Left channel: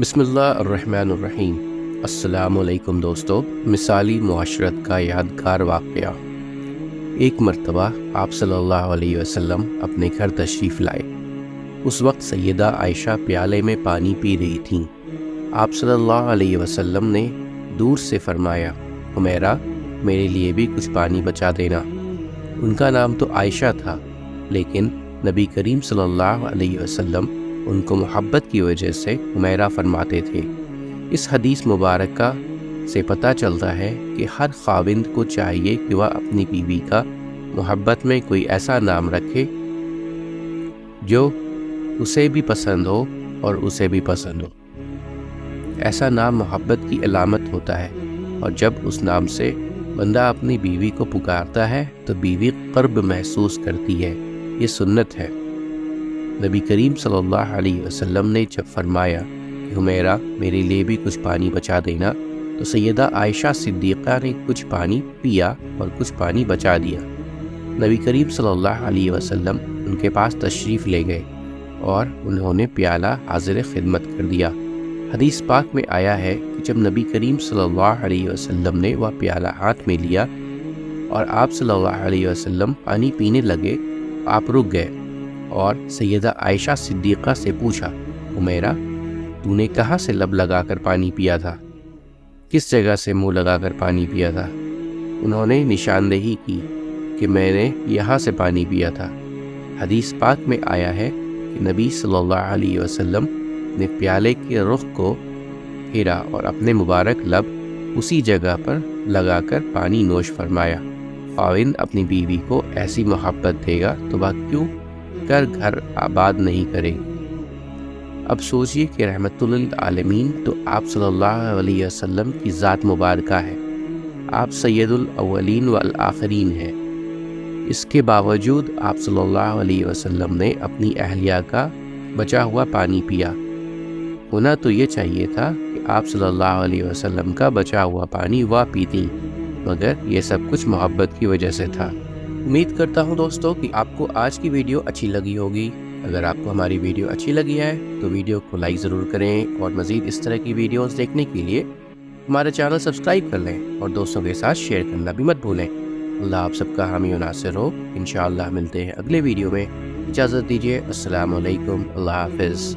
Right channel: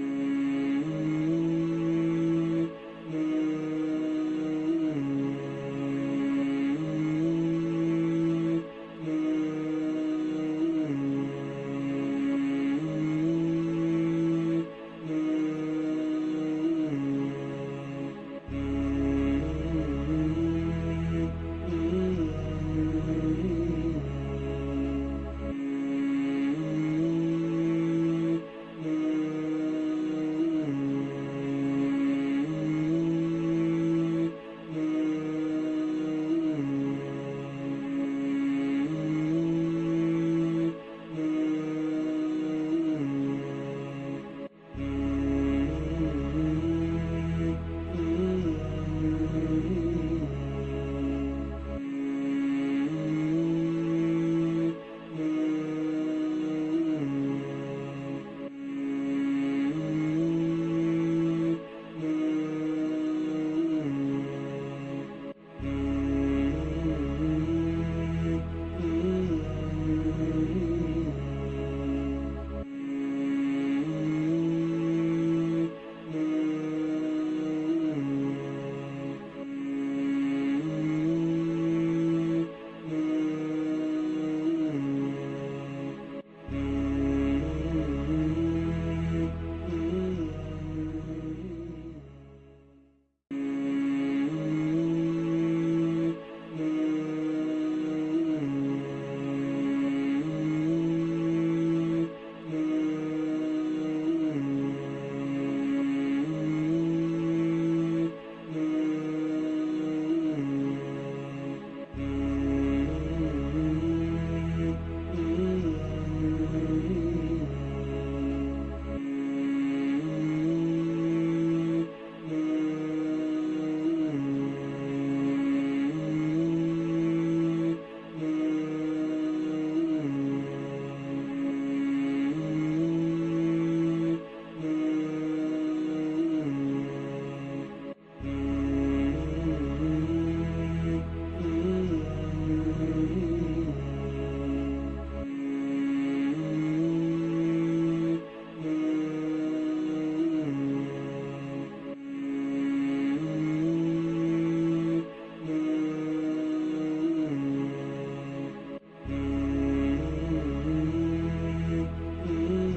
بسم اللہ الرحمن الرحیم۔ السلام علیکم دوستو۔ مثالی معاشرت کا یادگار واقعہ۔ ایک مرتبہ آپ صلی اللہ علیہ وسلم اپنے گھر تشریف لائے۔ اس وقت سیدہ عائشہ پیالے میں پانی پی رہی تھیں۔ آپ صلی اللہ علیہ وسلم نے دور سے فرمایا، حمیرہ میرے لیے بھی کچھ پانی بچا دینا۔ ان کا نام تو عائشہ تھا، لیکن نبی کریم صلی اللہ علیہ وسلم ان کو محبت کی وجہ سے حمیرہ فرماتے تھے۔ اس حدیث مبارکہ سے پتہ چلتا ہے کہ ہر خاوند کو چاہیے کہ وہ اپنی بیوی کا محبت میں کوئی ایسا نام رکھے جو اسے بھی پسند ہو اور اسے بھی پسند ہو۔ ایسا نام محبت کی علامت ہوتا ہے، اور جب اس نام سے بندہ اپنی بیوی کو پکارتا ہے تو بیوی قرب محسوس کرتی ہے۔ یہ سنت ہے۔ نبی کریم صلی اللہ علیہ وسلم نے جب فرمایا کہ حمیرہ میرے لیے بھی کچھ پانی بچا دینا، تو سیدہ عائشہ صدیقہ نے کچھ پانی پیا اور کچھ پانی بچا دیا۔ نبی کریم صلی اللہ علیہ وسلم ان کے پاس تشریف لے گئے اور انہوں نے پیالہ حاضر خدمت کر دیا۔ حدیث پاک میں آیا ہے کہ جب نبی کریم صلی اللہ علیہ وسلم نے وہ پیالہ ہاتھ میں لیا اور آپ صلی اللہ علیہ وسلم پانی پینے لگے، آپ رک گئے اور سیدہ عائشہ صدیقہ سے پوچھا، حمیرہ تو نے کہاں سے لب لگا کر پانی پیا تھا؟ کس جگہ سے منہ لگا کر پانی پیا تھا؟ انہوں نے نشاندہی کی کہ میں نے یہاں سے پانی پیا تھا۔ حدیث پاک میں آیا ہے کہ نبی صلی اللہ علیہ وسلم نے پیالے کے رخ کو پھیرا اور اپنے مبارک لب اسی جگہ پر لگا کر پانی نوش فرمایا۔ خاوند اپنی بیوی کو ایسی محبت دے گا تو وہ کیوں گھر آباد نہیں کرے۔ اب سوچئے کہ رحمت للعالمین تو آپ صلی اللہ علیہ وسلم کی ذات مبارکہ ہے۔ آپ سید الاولین والآخرین ہیں۔ اس کے باوجود آپ صلی اللہ علیہ وسلم نے اپنی اہلیہ کا بچا ہوا پانی پیا۔ ہونا تو یہ چاہیے تھا کہ آپ صلی اللہ علیہ وسلم کا بچا ہوا پانی وہ پیتی، مگر یہ سب کچھ محبت کی وجہ سے تھا۔ امید کرتا ہوں دوستو کہ آپ کو آج کی ویڈیو اچھی لگی ہوگی۔ اگر آپ کو ہماری ویڈیو اچھی لگی ہے تو ویڈیو کو لائک ضرور کریں، اور مزید اس طرح کی ویڈیوز دیکھنے کے لیے ہمارا چینل سبسکرائب کر لیں اور دوستوں کے ساتھ شیئر کرنا بھی مت بھولیں۔ اللہ آپ سب کا حامی و ناصر ہو۔ انشاءاللہ ملتے ہیں اگلے ویڈیو میں۔ اجازت دیجیے۔ السلام علیکم۔ اللہ حافظ۔